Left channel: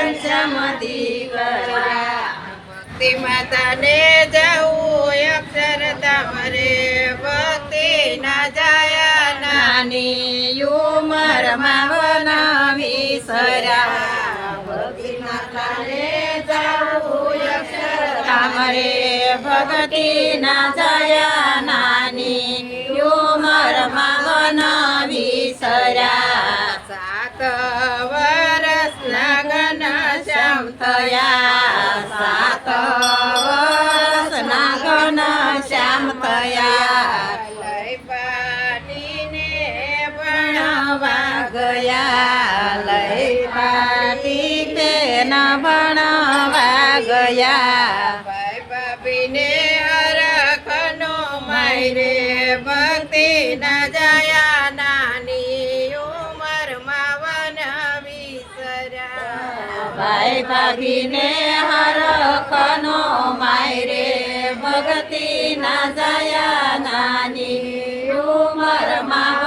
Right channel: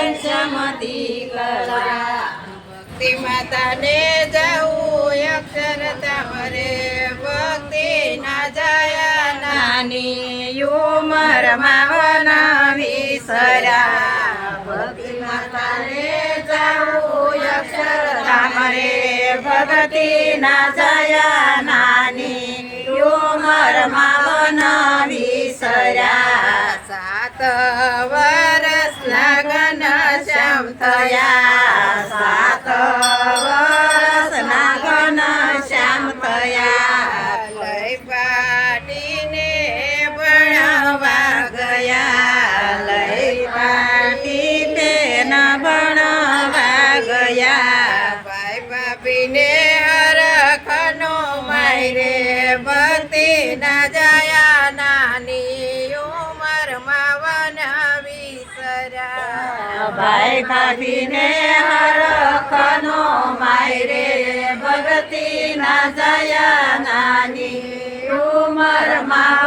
ઘનશ્યામતી કરા. ભક્તિ માતાને જવું અક્ષરધામ તમારે ભક્તિ ના જાય નાની ઉમરમાં વનાવી સરા. ભક્તિ માતાને જવું અક્ષરધામ રે ભક્તિ ના જાય નાની ઉમરમાં વનાવી ભાઈ ભાભીને હરખનો માયરે. ભગતી ના જયા નાની ઉમરમાં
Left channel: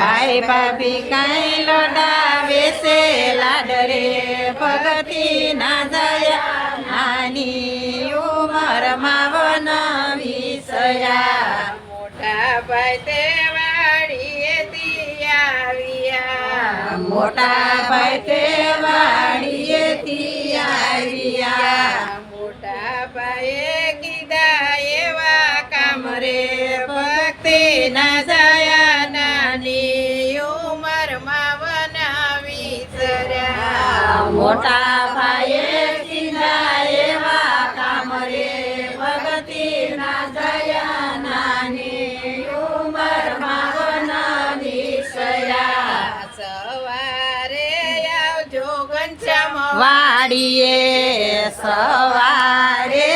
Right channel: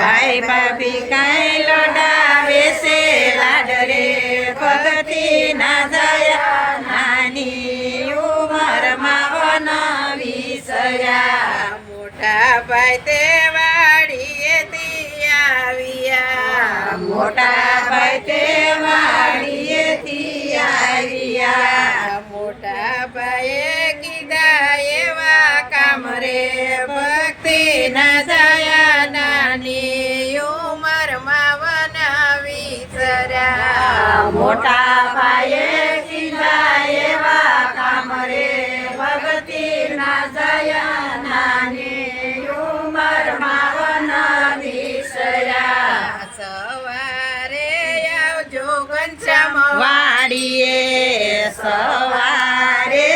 ભાઈ ભાભી કઈ લોડાવે છે લાડરે. ભગતિ ના જયા, નાની ઉમરમાં વનવી સયા. મોટા ભાઈ તે વાડીએ મોટા ભાઈ તે વાડીએથી મોટા ભાઈએ કીધા એવા કામ રે ભગતિ ના જયા નાની ઉંમરમાં વનવી સયા સવારે આવજો ઘનશ્યામ વાડીએ સવારે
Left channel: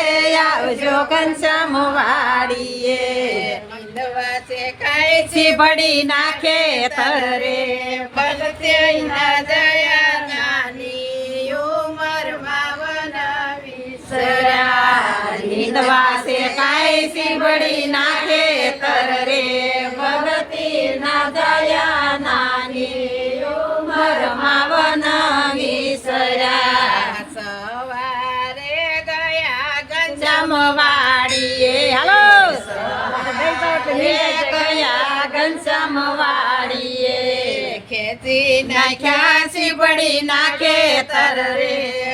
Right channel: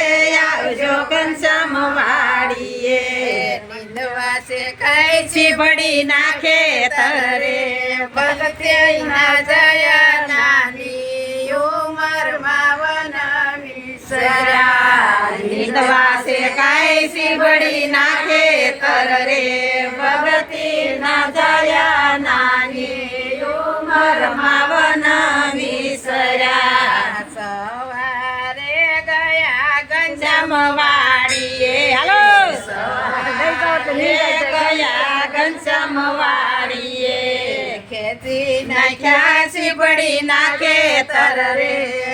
આવજો ઘનશ્યામ વાડીએ નિંદવાસે ખાય છે છીભડી નાખે તરે ભક્તિ ના જયા સર્યા નિંદવાસે કાય સીબડી નાખે તરે ભગતિ ના જયા નાની ઉમરમાં વનવી સરા સવારે ગયા ગંજામ ઘનશ્યામ વાડીએ હાલો સવારે ગયા ઘનશ્યામ વાડીએ ખેતી નાખ્યા સીબડી નાખે તરે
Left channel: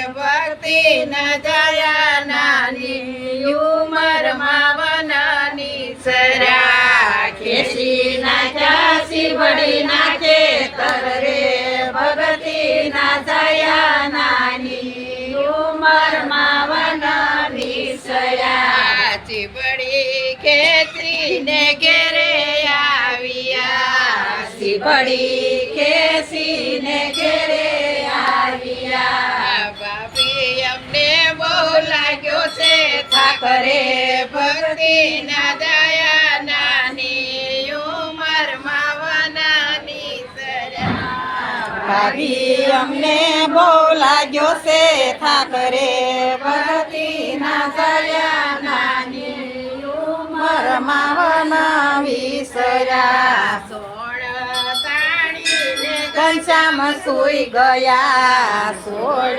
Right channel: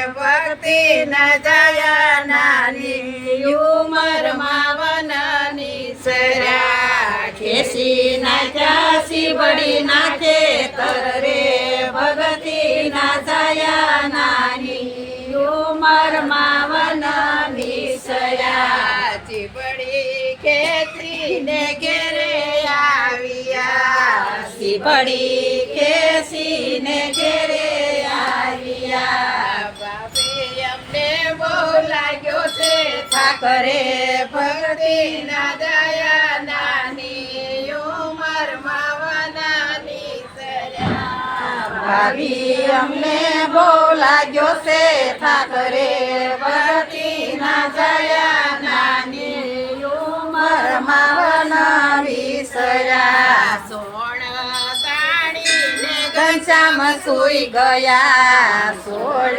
ભક્તિ ના જયા નાની ઉંમરમાં વનની સર્યા ખેસી નાખ્યા સીબડી નાખે તરે ભગતિ ના જયા નાની ઉમરમાં વન વિષયા ચીબડી ખેતી ને ઘેરે આવ્યા. સીબડી ખેસી ને ઘેરે આવ્યા અમને બહુ લાગ્યો છે ઠાકરે ભક્તિ ના દયા નાની ઉમર સર્યા ભાભી અમને બહુ લાગ્યો છે ઠાકરે ભગતિ ના જયા નાની ઉમરમાં વન વિસરા ઘનશ્યામ સુઈ ગયા. સોળ.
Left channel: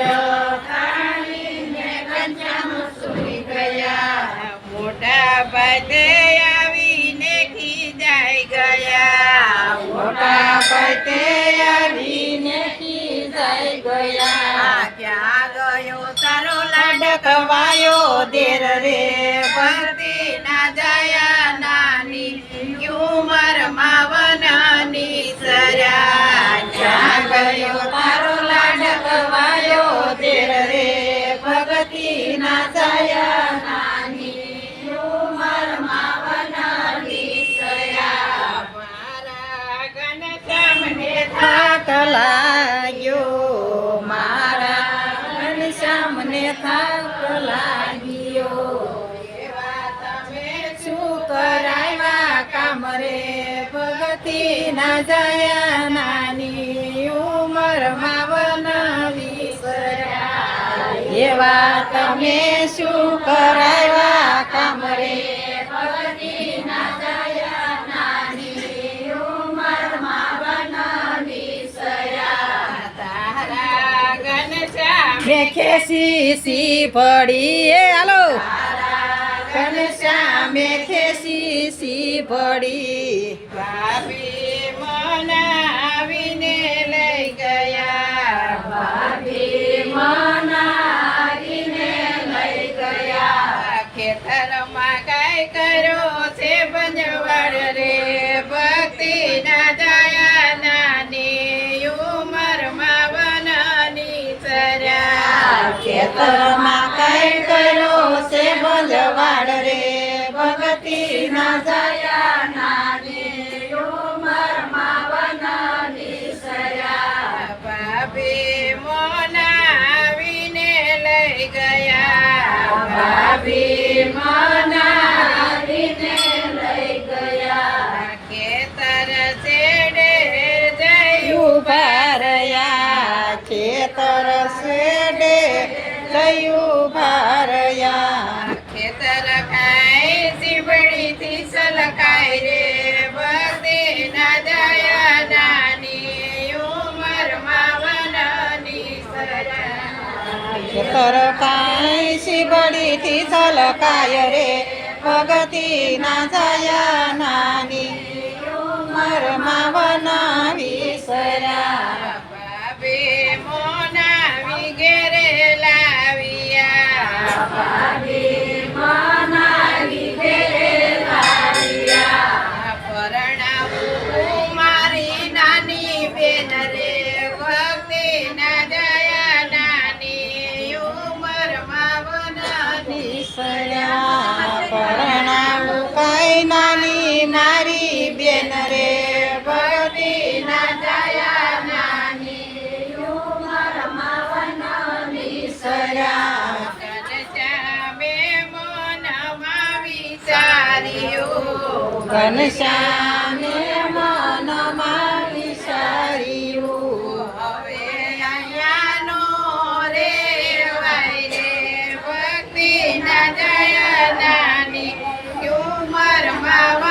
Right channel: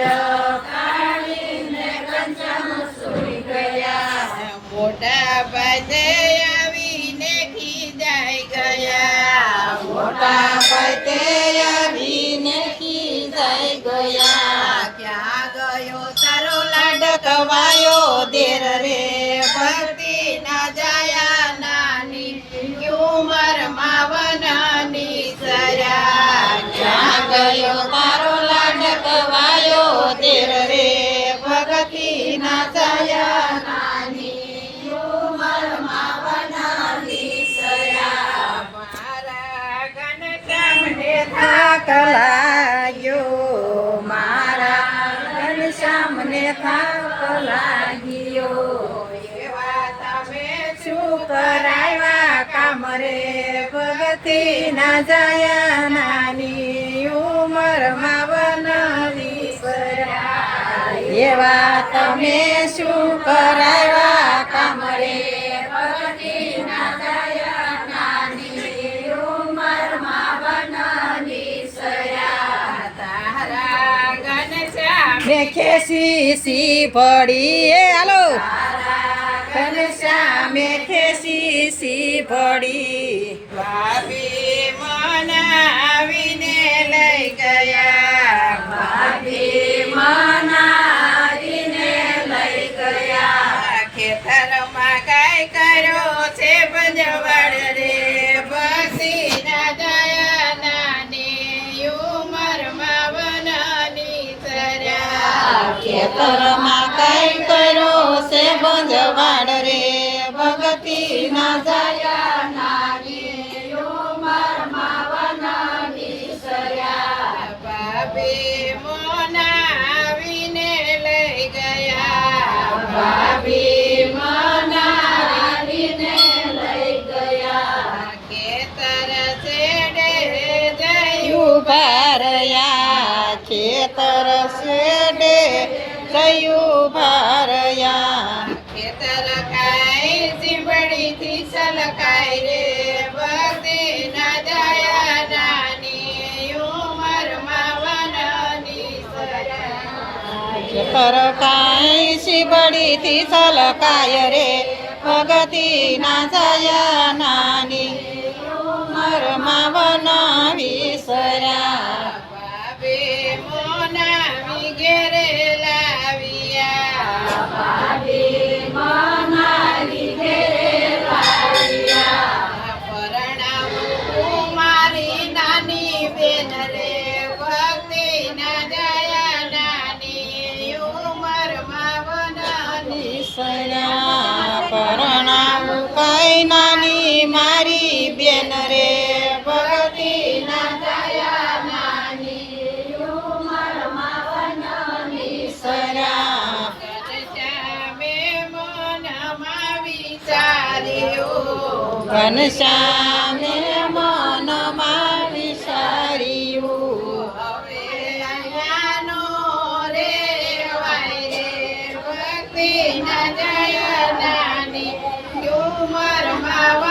મોટા ભાઈને આવીને ખીજાઈ ગયા. મોટા પતે આવીને ખીજાઈ ગયા. ક્યાં ગયો તારો લડકવાયો દેર રે? ભક્તિ લાગ્યો મારા સામને થાક લાગ્યો. શું તમે શું રે? ભગતી ના જયા નાની ઉંમરમાં વન વિસર્યા. એવા તમે શું કરાવ્યા કામ રે? ખેસી પડી એ હાલો. ઘનશ્યામે ખેસી સી પડી. ભાભી મનાવીને લઈ ગયા. ખેતરમાં કઈ કરો સે બંજવાડ રે ભગતી ના જયા. સજા ખેતર કાંઈ શીબડીથી સલકાય રે ભગતી ના જયા નાની ઉંમરમાં બનાવી સર્યા ભાભી બેન રે ભગતી ના જયા નાની ઉંમરમાં વનની સર્યા ઘનશ્યામે મનમાં વિચાર્યું ઘનશ્યામે મનમાં વિચાર્યું હવે અહીંયાનો રે વાય રે ભક્તિ ના જય નાની ઉંમરમાં વનાની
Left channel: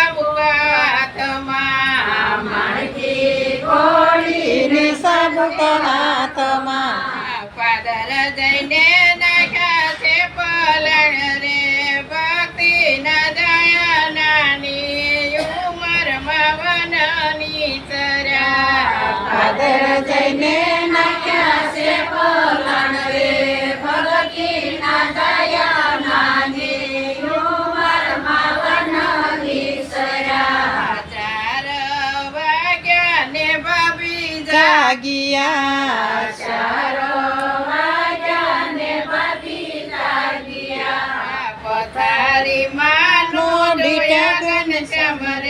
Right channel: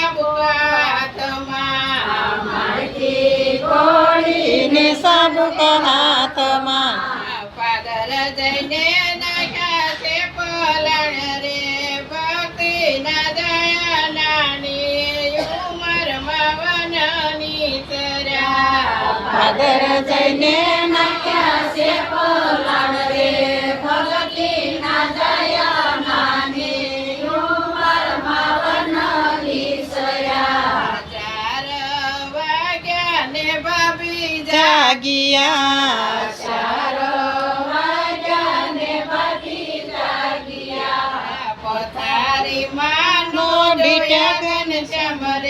કોળીને સબ હાથમાં પાદર જઈને નાખ્યા છે પલણ રે ભક્તિ ના દયા નાની ઉમર વનની સરા પાદર જઈને નાખ્યા છે પલણ જાગિયા. પથારી માનો બીટા ગન રે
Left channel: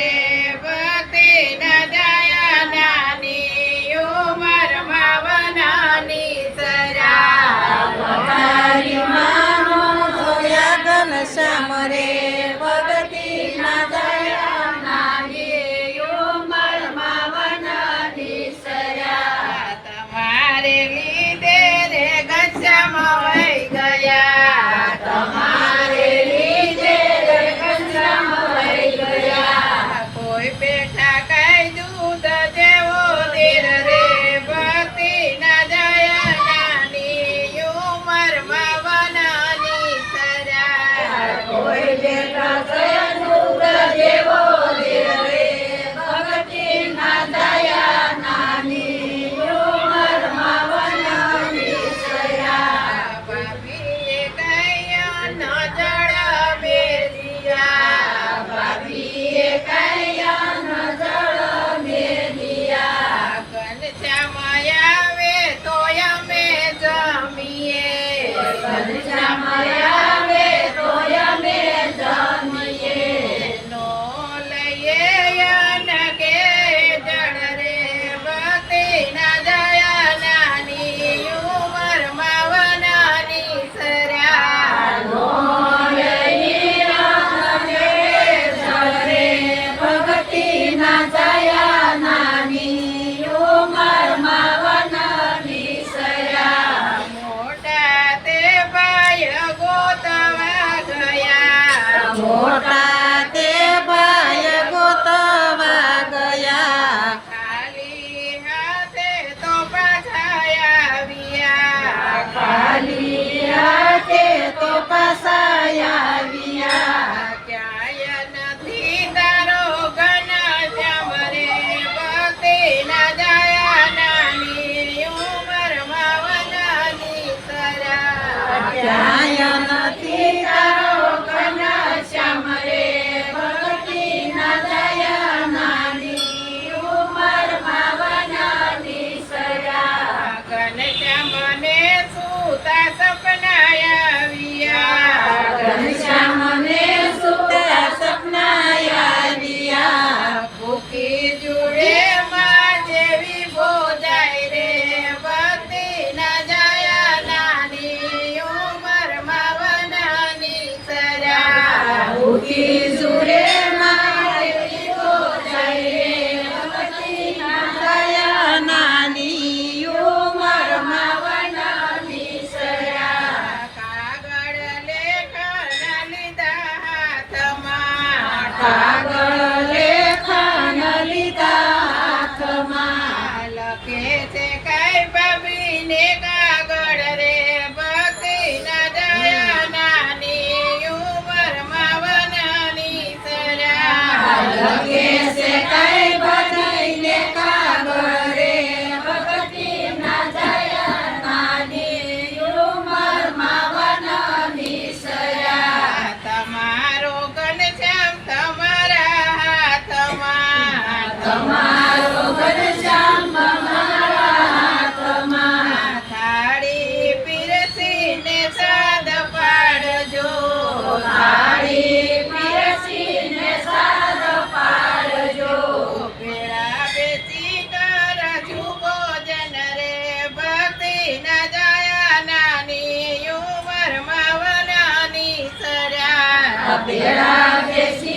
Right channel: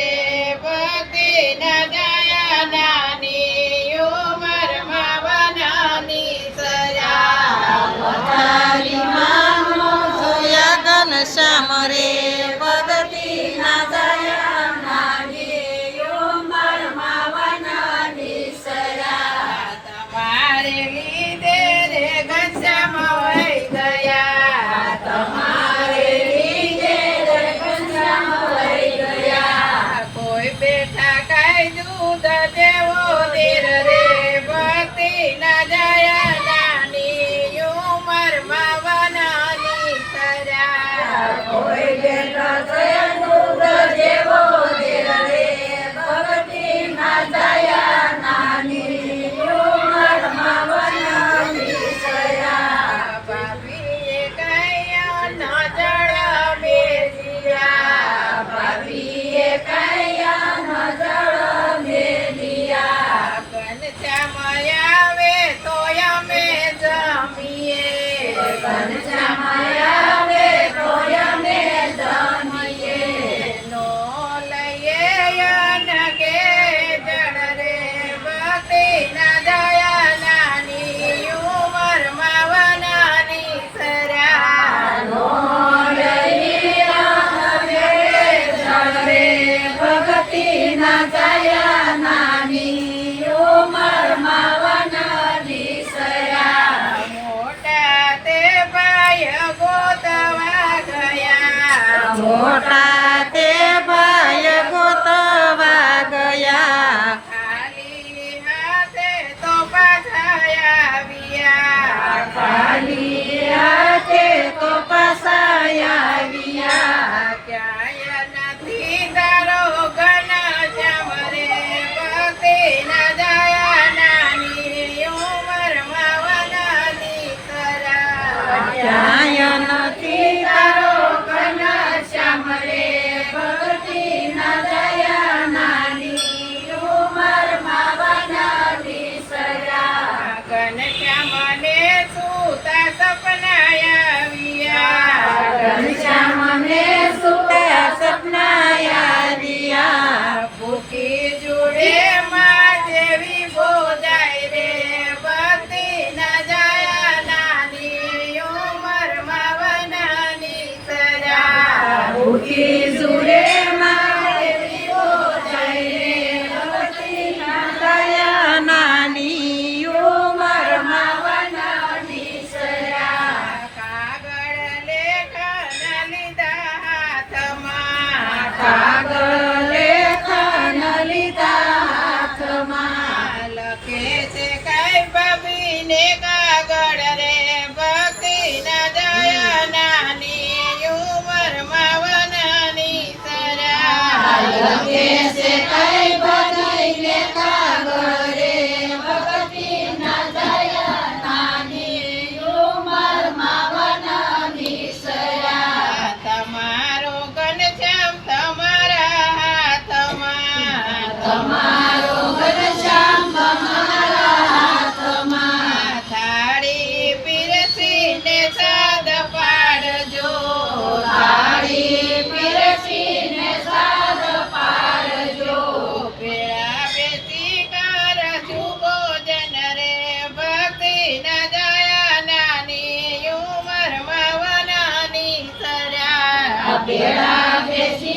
સરા પેલા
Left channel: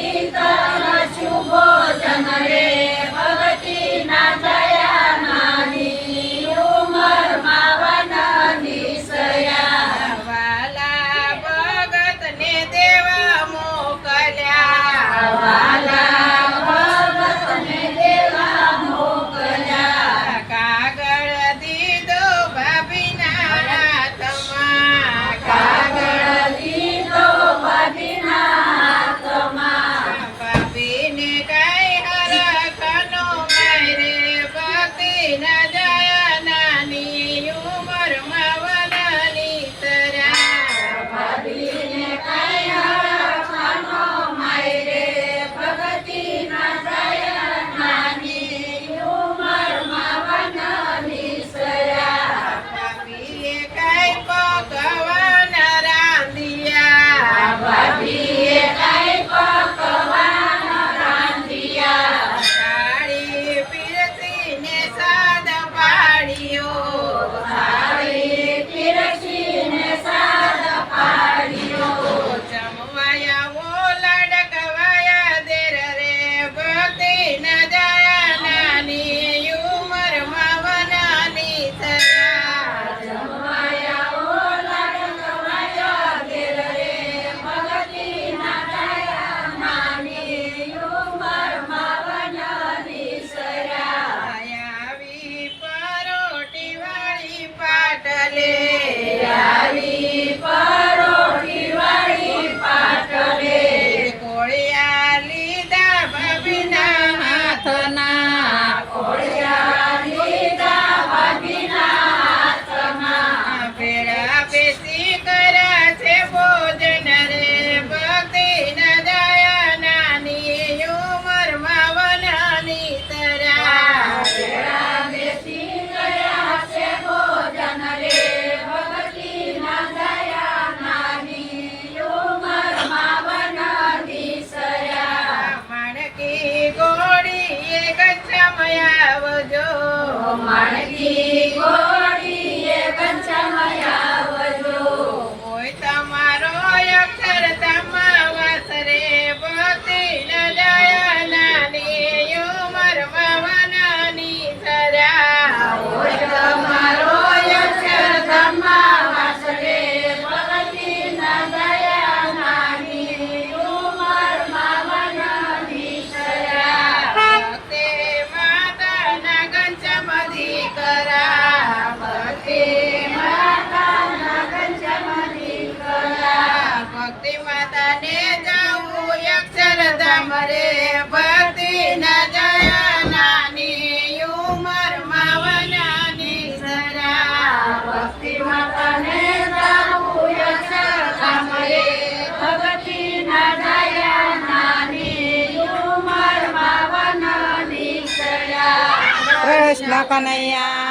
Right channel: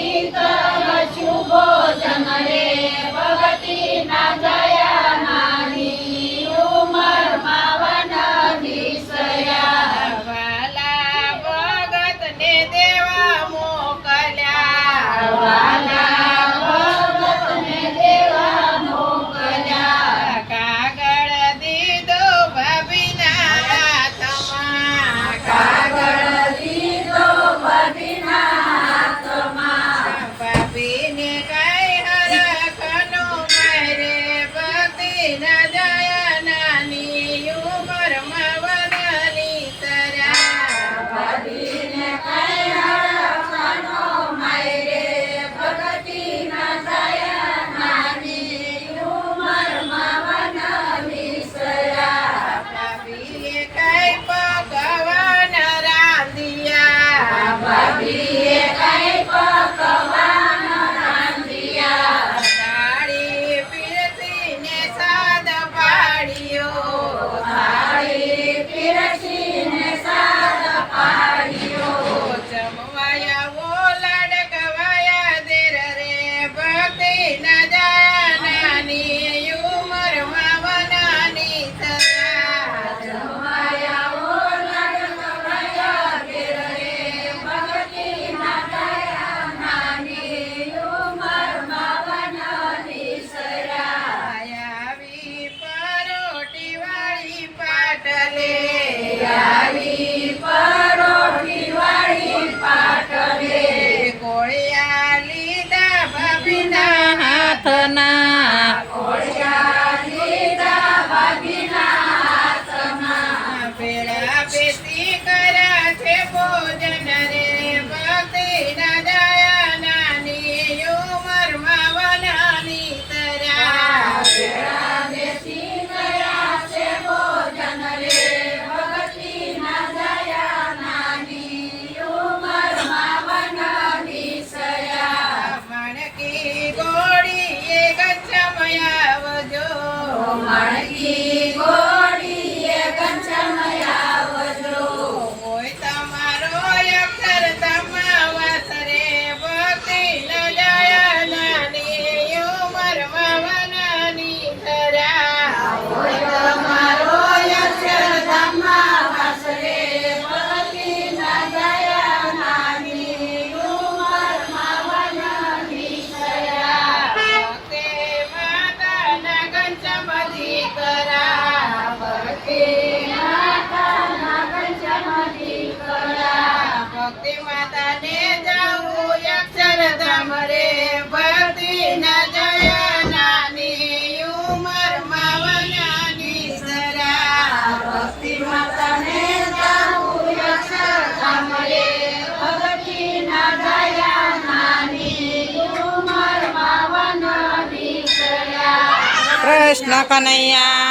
કૃષ્ણ કનૈયા.